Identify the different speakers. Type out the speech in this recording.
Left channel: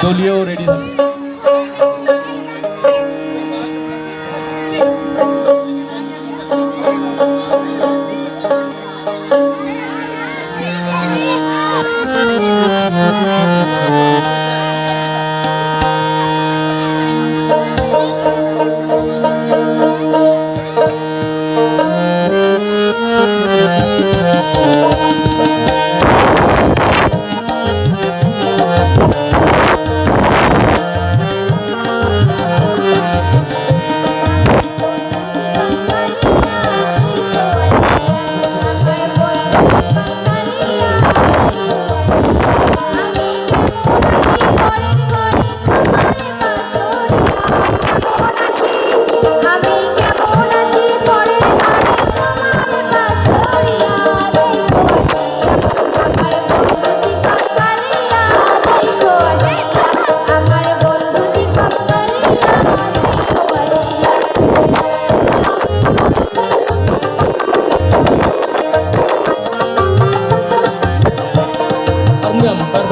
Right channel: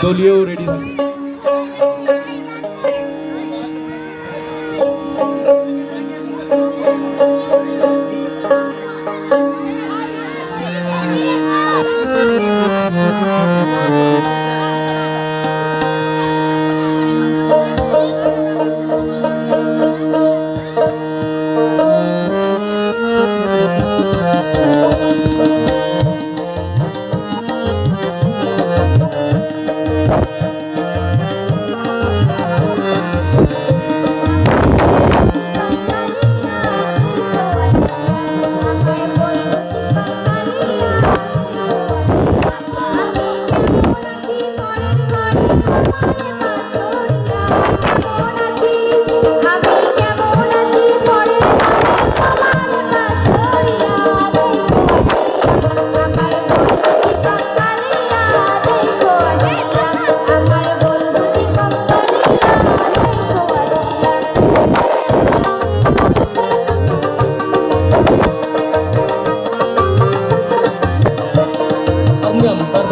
Speaker 1: দলীয় রেডি থাকে
Speaker 2: Welcome.